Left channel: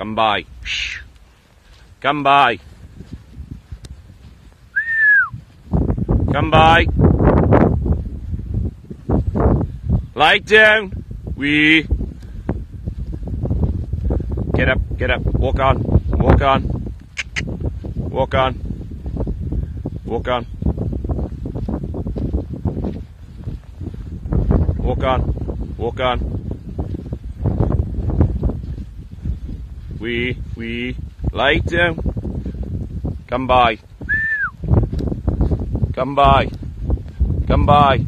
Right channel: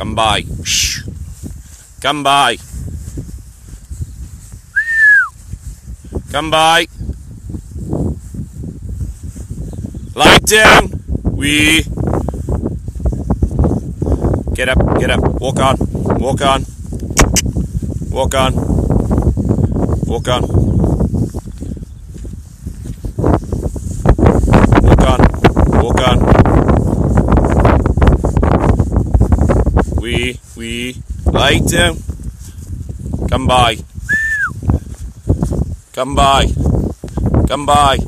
Come by. Shh. Come by. Come by. Lie down. We. Get up, get up. Walk on. Walk on. Walk on. Walk on. Walk on. Walk on. We. Lie down. Come by. Come by. Come by.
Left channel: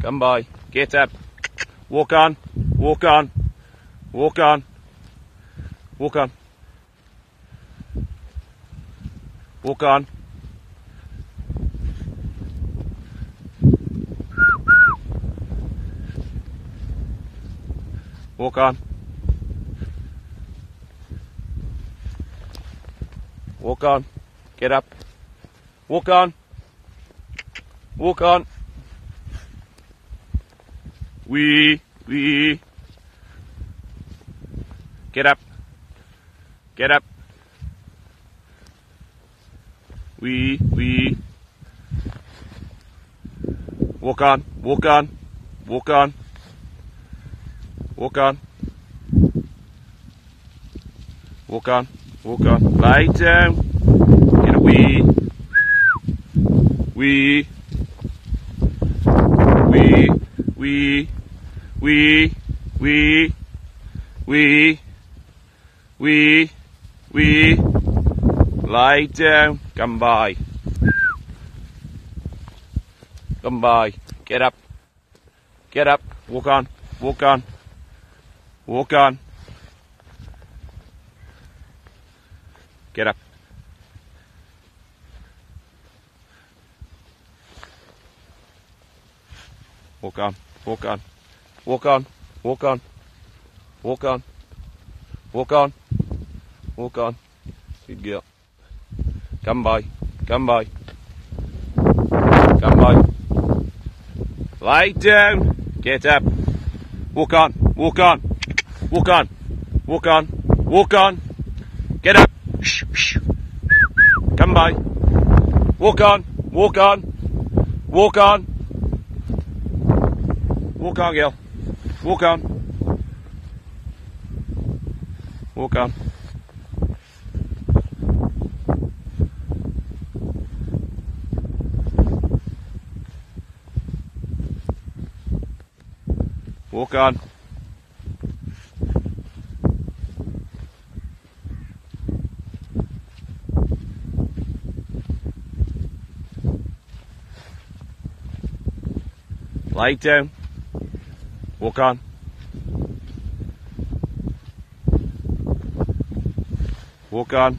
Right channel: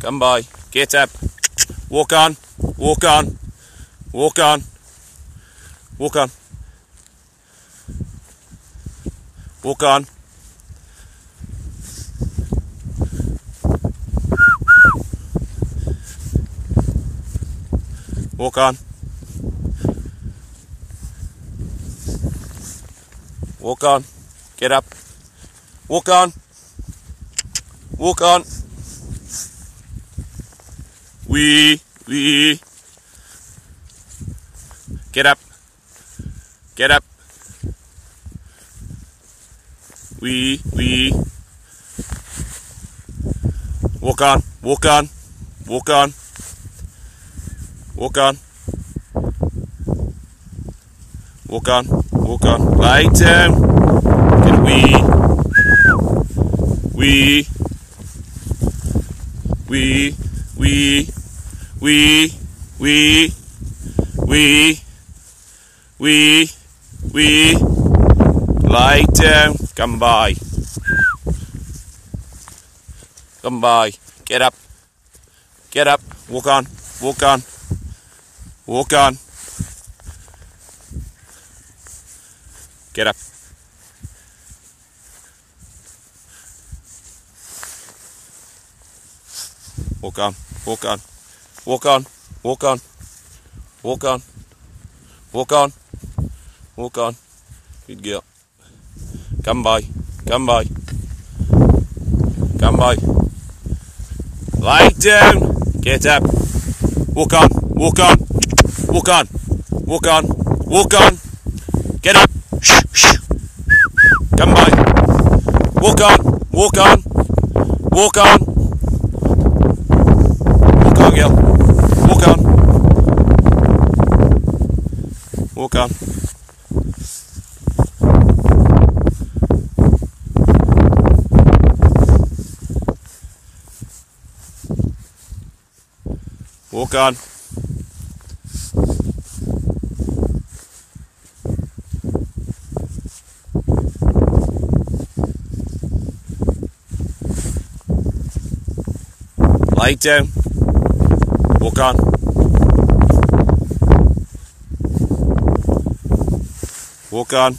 Come by. Get up. Walk on. Walk on. Walk on. Walk on. Walk on. Walk on. Walk on. Get up. Walk on. Walk on. We. Get up. Get up. We. Walk on. Walk on. Walk on. Walk on. Walk on. Walk on. Lie down. Get we. Lie down. Come by. Come by. Get up. Get up. Walk on. Walk on. Walk on. Get up. Walk on. Walk on. Walk on. Walk on. Walk on. Walk on. Walk on. Good girl. Come by. Come by. Come by. Lie down. Get up. Walk on. Walk on. Walk on. Walk on. Walk on. Get up. Come by. Walk on. Walk on. Walk on. Walk on, girl. Walk on. Walk on. Walk on. Lie down. Walk on. Walk on.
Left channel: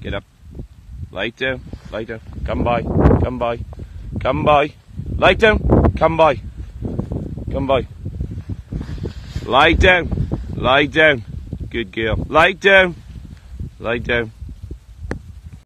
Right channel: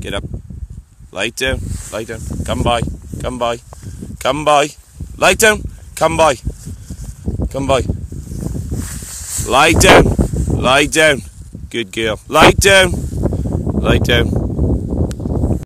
Get up. Lie down. Lie down. Come by. Come by. Come by. Lie down. Come by. Come by. Lie down. Lie down. Good girl. Lie down. Lie down.